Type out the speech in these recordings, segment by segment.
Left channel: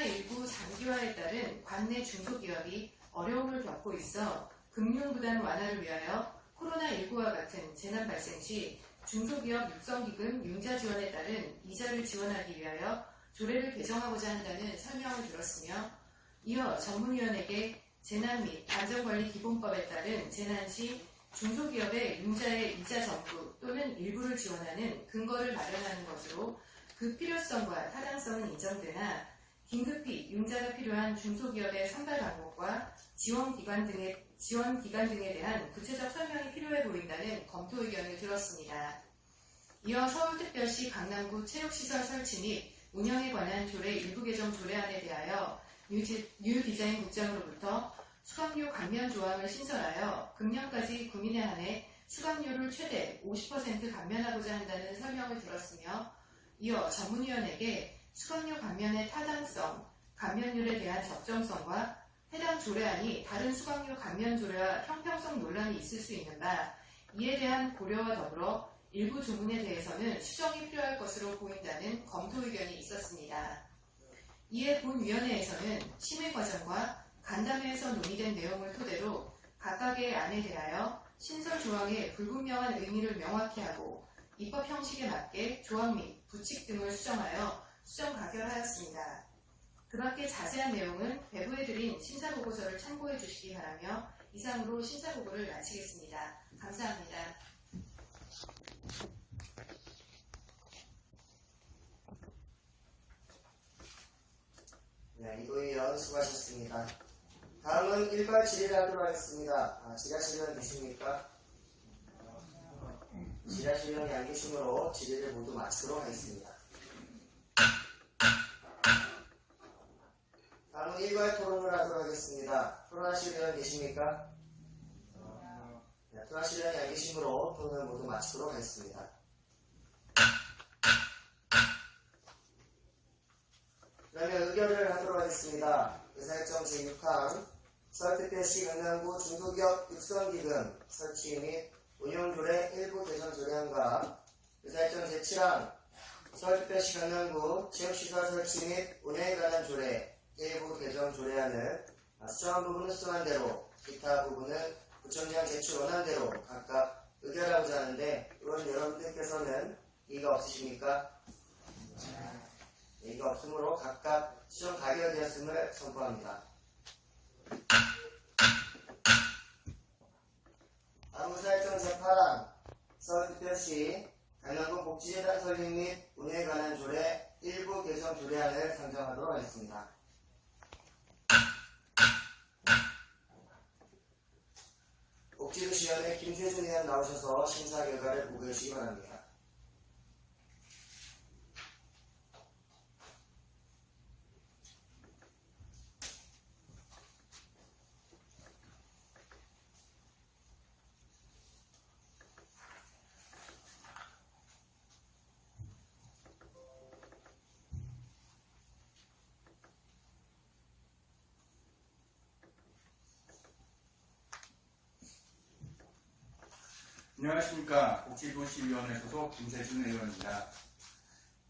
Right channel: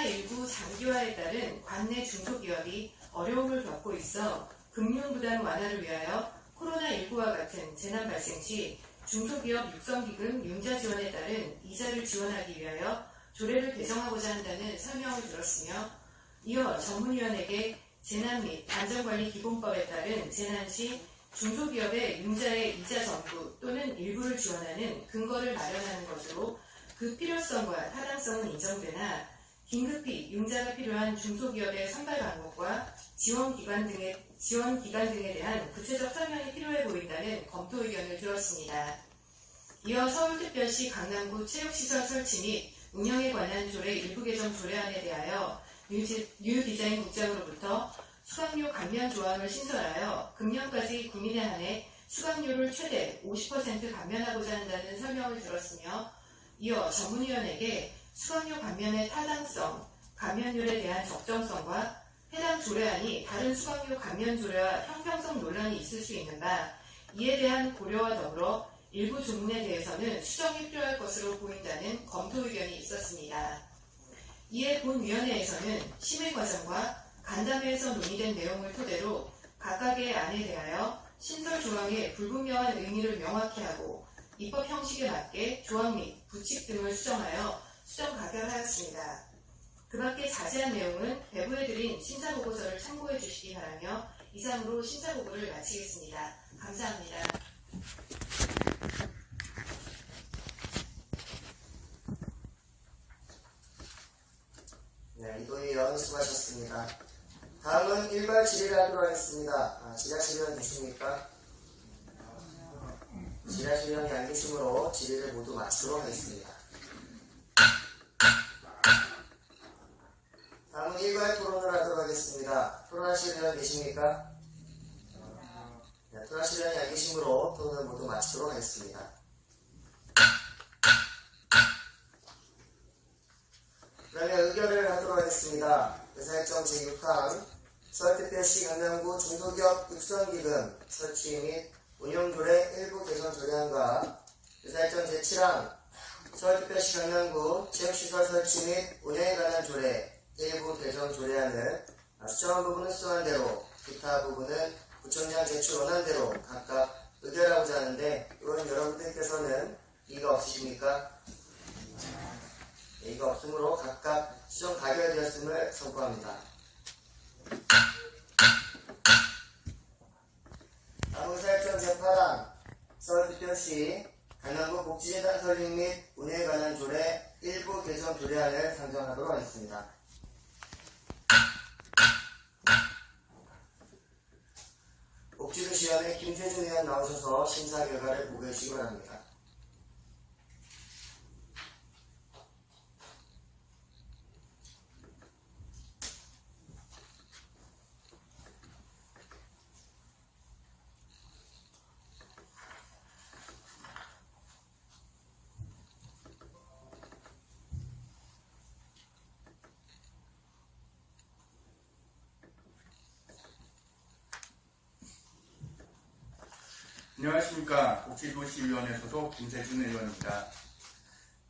코로나19 장기화에 따른 관내 중소기업이 어려움을 겪고 있어 금융 부담 완화를 위하여 코로나19와 같은 재난 발생 시 중소기업 육성기금 융자 지원에 따른 이자를 지원하기 위하여 조례를 개정하고자 한다는 설명을 들었으며 이어 전문위원에게 재난 및 안전관리 기본법에 따른 재난 시 중소기업의 융자의 이자 전부 또는 일부를 지원하는 근거를 마련하는 것으로 그 필요성과 타당성은 인정되나 긴급히 융자가 필요한 중소기업의 선발 방법과 지원 기관 등의 지원 기간 등에 대한 구체적 설명이 필요해 보인다는 검토 의견을 들었습니다. 이어 서울특별시 강남구 체육시설 설치 및 운영에 관한 조례 일부 개정 조례안에 대하여 유, 지- 유 디자인 국장으로부터 수강료 감면 조항을 신설하여 금년까지 국민에 한해 수강료를 최대 50% 감면하고자 한다는 설명을 들었으며 이어 전문위원에게 수강료 감면의 타당성, 감면률에 대한 적정성과 해당 조례안이 다른 수강료 감면 조례와 형평성 논란이 있을 수 있는 바 이에 대한 고려와 더불어 일부 조문에 대해서는 수정이 필요할 것으로 보인다는 검토 의견이 있었습니다. 이에 본위원회에서는 심의 과정과 간담회에서 논의된 내용을 토대로 각각의 안에 대하여 신설 조항의 불분명한 의미를 명확히 하고 입법 형식에 맞게 조항 및 부칙 등을 수정하여 수정 가결하였습니다. 그 밖에 자세한 내용은 배부해드린 심사보고서를 참고해 주시기 바라며 이상으로 심사보고를 마치겠습니다. 감사합니다. 네, 이도희 의원 수고하셨습니다. 다음은 일괄 질의를 하도록 하겠습니다. 아, 지라실 의원 계십니까? 지라실 의원이 안 계시므로 질의를 모두 마치도록 하겠습니다. 다음은 일괄 토론을 하도록 하겠습니다. 의원 계십니까? 네, 토론하실 의원이 안 계시므로 토론을 모두 마치도록 하겠습니다. 그 다음에 의결을 하도록 하겠습니다. 의사일정 제6항 서울특별시 강남구 중소기업 육성기금 설치 및 운영조례 일부 개선 조례안과 의사일정 제7항 서울특별시 강남구 체육시설 설치 및 운영에 관한 조례 일부 개정 조례안을 수정한 부분은 수정한 대로 기타 부분은 구청장 제출 원한 대로 각각 의결하고자 하는데 이건 여러분들께서는 이의가 없으십니까? 예의가 없으므로 각각 수정 가결되었음을 선포합니다. 의사일정 제8항 서울특별시 강남구 복지재단 설립 및 운영에 관한 조례 일부 개정 조례안을 상정하도록 하겠습니다. 복지부 시원의 김세준 의원 나오셔서 심사 결과를 보고해 주시기 바랍니다. 안녕하십니까. 복지도시위원회 소속 김세준 의원입니다.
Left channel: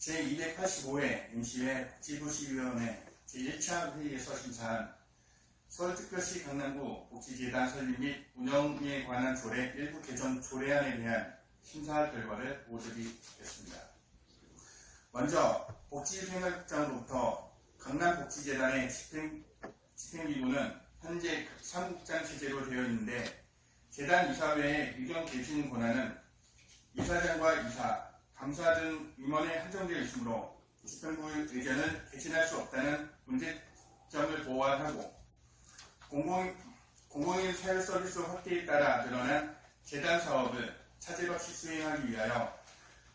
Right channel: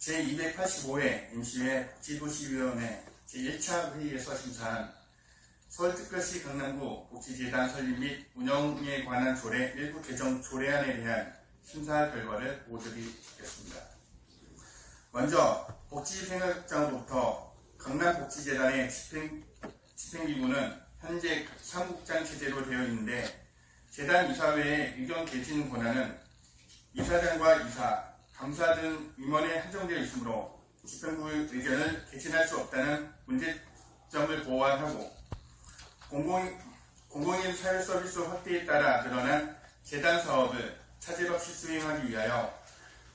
제285회 임시회 복지도시위원회 제1차 회의에서 심사한 서울특별시 강남구 복지재단 설립 및 운영에 관한 조례 일부 개정 조례안에 대한 심사 결과를 보여드리겠습니다. 먼저 복지생활장으로부터 강남복지재단의 집행, 집행기구는 현재 사무국장 체제로 되어 있는데 재단 이사회의 의견 개진 권한은 이사장과 이사, 감사 등 임원에 한정되어 있으므로 집행부의 의견을 개진할 수 없다는 문제점을 보완하고 공공, 공공인 사회 서비스 확대에 따라 늘어난 재단 사업을 차질 없이 수행하기 위하여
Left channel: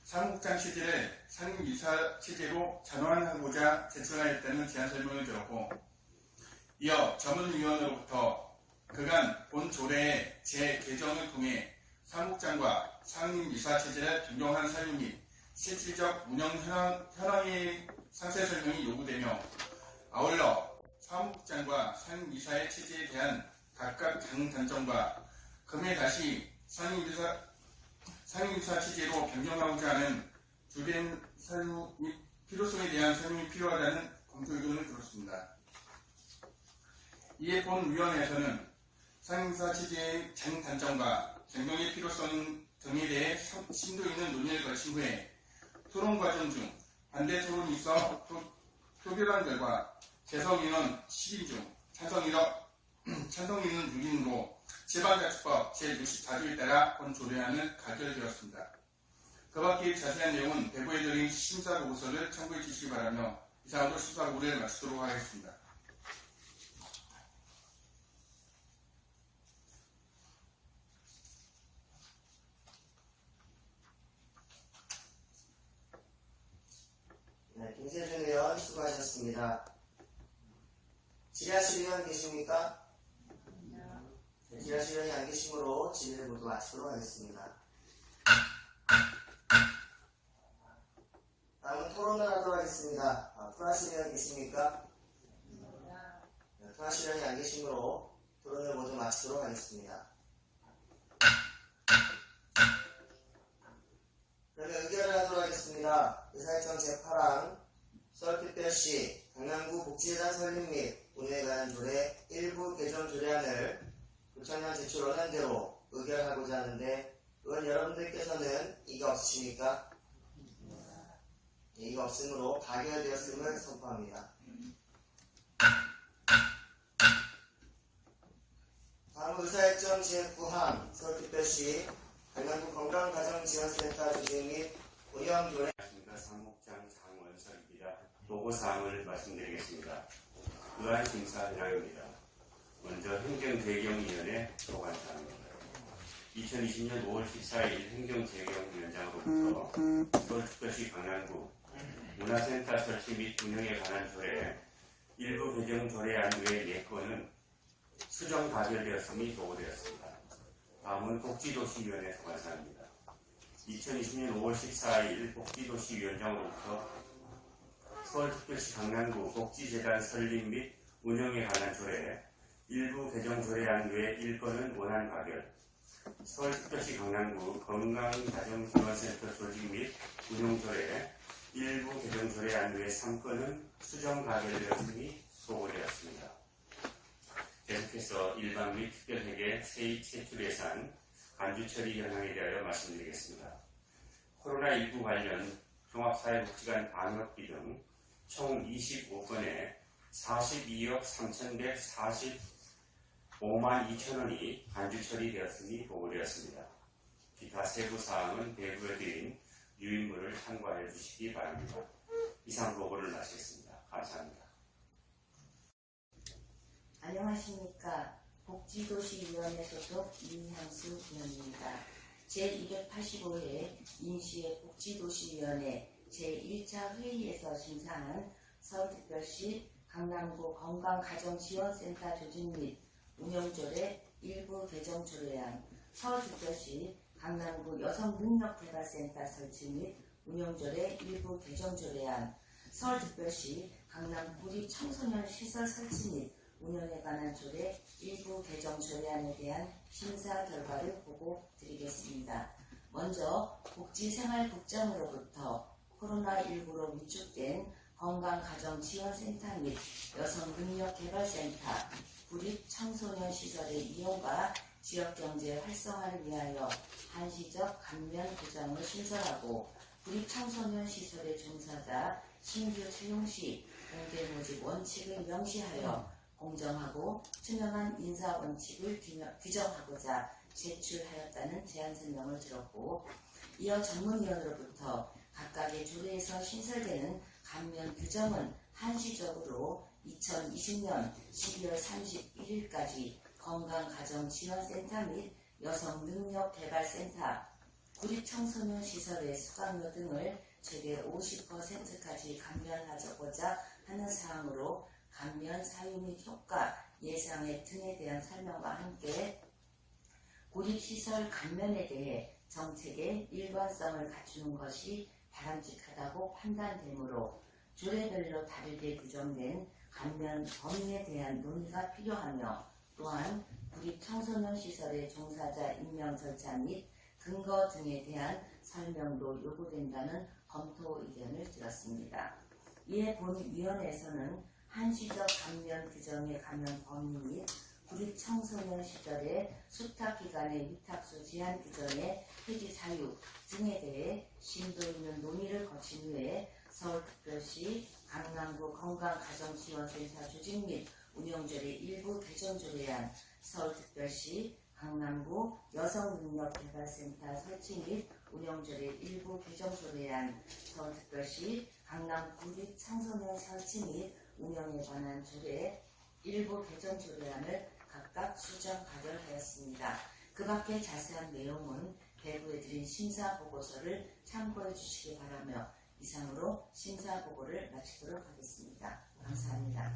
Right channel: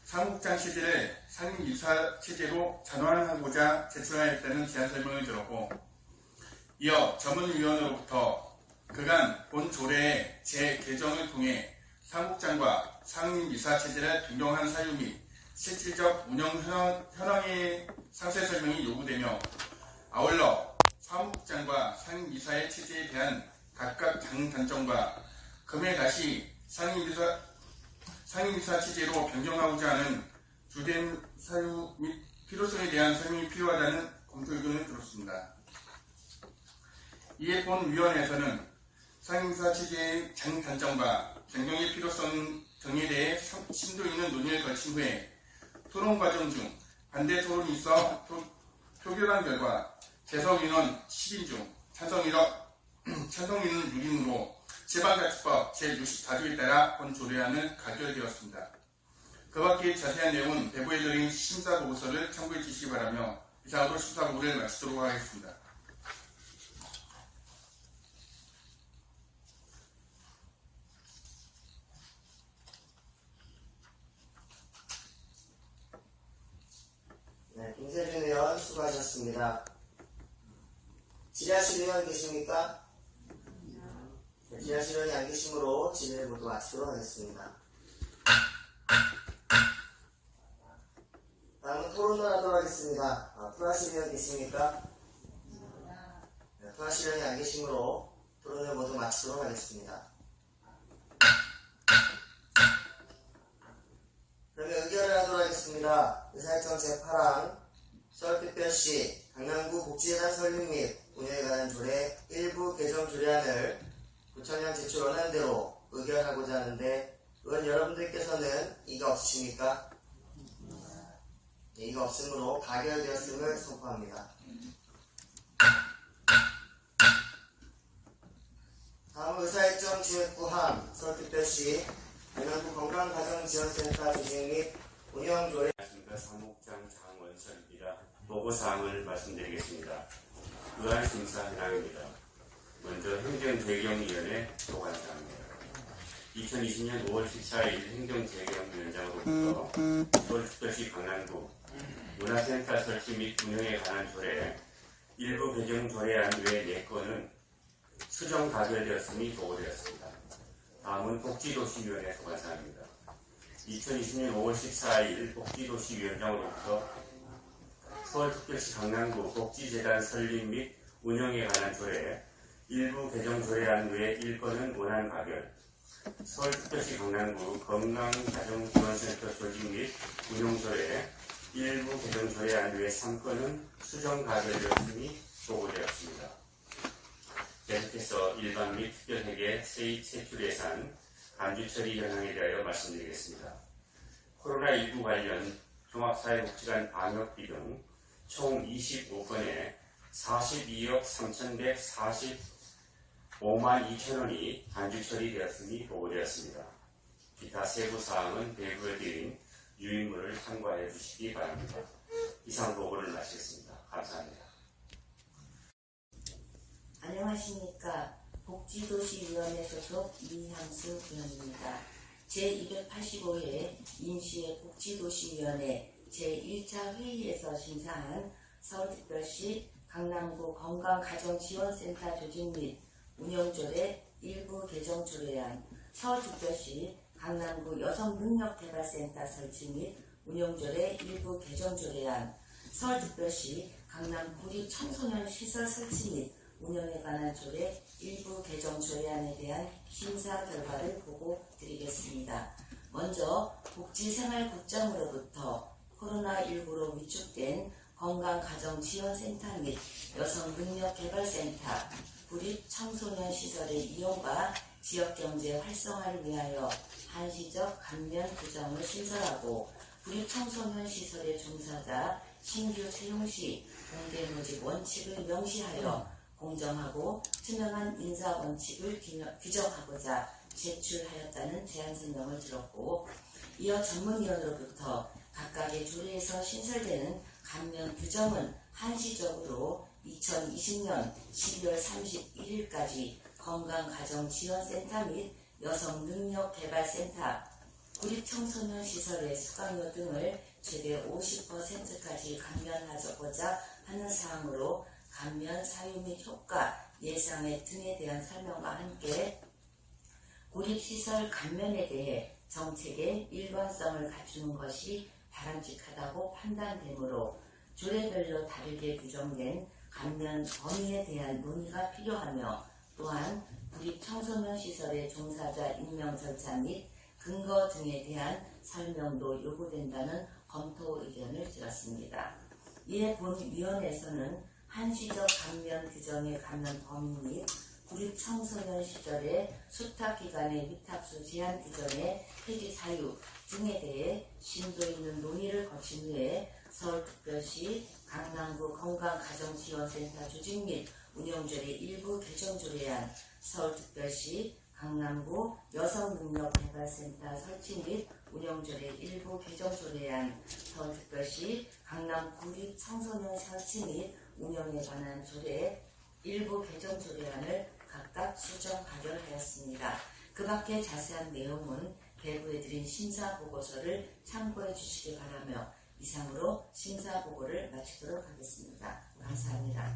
사무국장 체제를 상임 이사 체제로 전환하고자 제출하였다는 제안 설명을 들었고 이어 전문위원으로부터 그간 본 조례의 재개정을 통해 사무국장과 상임 이사 체제를 변경한 사유 및 실질적 운영 현황- 현황의 상세 설명이 요구되며 아울러 사무국장과 상임 이사의 체제에 대한 각각 장 단점과 금에 다시 상임 이사 상임 이사 체제로 변경하고자 하는 주된 사유 및 필요성에 대한 설명이 필요하다는 검토 의견을 들었습니다. 이에 본 위원회에서는 상임사 체제의 장단점과 변경의 필요성 등에 대해 성- 심도 있는 논의를 거친 후에 토론 과정 중 반대 토론이 있어 표, 표결한 결과 재석 인원 10인 중 찬성 인원, 찬성 인원 6인으로 지방자치법 제64조에 따라 본 조례안은 가결되었습니다. 그 밖의 자세한 내용은 배부에 드린 심사보고서를 참고해 주시기 바라며 이상으로 심사보고를 마치도록 하겠습니다. 네, 김세준 의원 수고하셨습니다. 지라실 의원 계십니까? 네, 지라실 의원이 안 계시므로 진행을 모두 마치도록 하겠습니다. 다음은 토론을 하도록 하겠습니다. 아, 의원 계십니까? 네, 프라실 의원이 안 계시므로 토론을 모두 마치도록 하겠습니다. 그러면 의결을 하도록 하겠습니다. 의사일정 제8항 서울특별시 강남구 복지재단 설립 및 운영에 관한 조례 일부 개정 조례안을 구청장 제출 원안대로 의결하고자 하는데 의원 여러분들께서는 이가 없으십니까? 네, 이가 없으므로 가결되었음을 선포합니다. 다음 의사일정 제9항 서울특별시 강남구 건강가정지원센터 조직 및 운영 조례 안녕하십니까 사무국장 장원설입니다. 보고사항을 말씀드리겠습니다. 의안 심사 현황입니다. 먼저 행정재경위원회 소관사항입니다. 2020년 5월 14일 행정재경위원장으로부터 서울특별시 강남구 문화센터 설치 및 운영에 관한 조례 일부 개정 조례안 외 4건은 수정 가결되었음이 보고되었습니다. 다음은 복지도시위원회 소관사항입니다. 2020년 5월 14일 복지도시위원장으로부터 서울특별시 강남구 복지재단 설립 및 운영에 관한 조례 일부 개정 조례안 외 1건은 원안 가결 서울특별시 강남구 건강가정지원센터 조직 및 운영 조례 일부 개정 조례안 외 3건은 수정 가결되었음이 보고되었습니다. 계속해서 일반 및 특별회계 세입 세출 예산 간주 처리 현황에 대하여 말씀드리겠습니다. 코로나19 관련 종합사회복지관 방역비 등 총 25건에 42억 3,145만 2천 원이 간주 처리되었음이 보고되었습니다. 기타 세부 사항은 배부에 드린 유인물을 참고하여 주시기 바랍니다. 이상 보고를 마치겠습니다. 감사합니다. 안녕하십니까. 복지도시위원회 소속 이향수 의원입니다. 제285회 임시의 복지도시위원회 제1차 회의에서 심사한 서울특별시 강남구 건강가정지원센터 조직 및 운영조례 일부 개정 조례안 서울특별시 강남구 여성능력개발센터 설치 및 운영조례 일부 개정 조례안 서울특별시 강남 구리 청소년 시설 설치 및 운영에 관한 조례 일부 개정 조례안에 대한 심사 결과를 보고 드리겠습니다. 먼저 복지생활국장으로부터 코로나19로 위축된 건강가정지원센터 및 여성능력개발센터, 구립 청소년 시설의 이용과 지역경제 활성화를 위하여 한시적 감면 규정을 신설하고 구립 청소년 시설의 종사자 신규 채용 시 공개 모집 원칙을 명시하여 공정하고 투명한 인사 원칙을 규정하고자 제출하였다는 제안 설명을 들었고 이어 전문위원으로부터 각각의 조례에서 신설되는 감면 규정은 한시적으로 2020년 12월 31일까지 건강가정지원센터 및 여성능력개발센터, 구립청소년 시설의 수강료 등을 최대 50%까지 감면하고자 하는 사항으로 감면 사유 및 효과, 예상액 등에 대한 설명과 함께 고립시설 감면에 대해 정책의 일관성을 갖추는 것이 바람직하다고 판단되므로 조례별로 다르게 규정된 감면 범위에 대한 논의가 필요하며 또한 구립 청소년 시설의 종사자 임명 절차 및 근거 등에 대한 설명도 요구된다는 검토 의견을 들었습니다. 이에 본위원회에서는 한시적 감면 규정의 감면 범위 및 구립 청소년 시절의 수탁 기간의 위탁수 제한 규정의 폐지 사유 등에 대해 심도 있는 논의를 거친 후에 서울특별시 강남구 건강가정지원센터 조직 및 운영조례 일부 개정 조례안 서울특별시 강남구 여성능력개발센터 설치 및 운영조례 일부 개정 조례안 서울특별시 강남 구립 청소년 설치 및 운영에 관한 조례 일부 개정 조례안을 각각 수정 가결하였습니다. 그 밖에 자세한 내용은 배부해 드린 심사 보고서를 참고해 주시기 바라며 이상으로 심사 보고를 마치도록 하겠습니다. 감사합니다.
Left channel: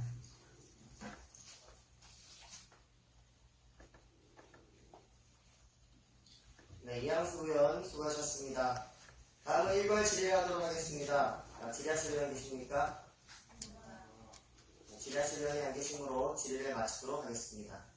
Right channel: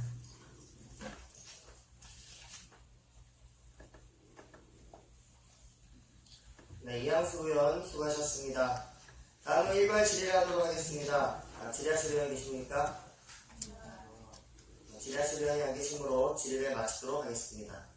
네, 이항수 의원 수고하셨습니다. 다음은 일괄 질의하도록 하겠습니다. 아, 질의하실 의원 계십니까? 안 계시므로 질의를 마치도록 하겠습니다.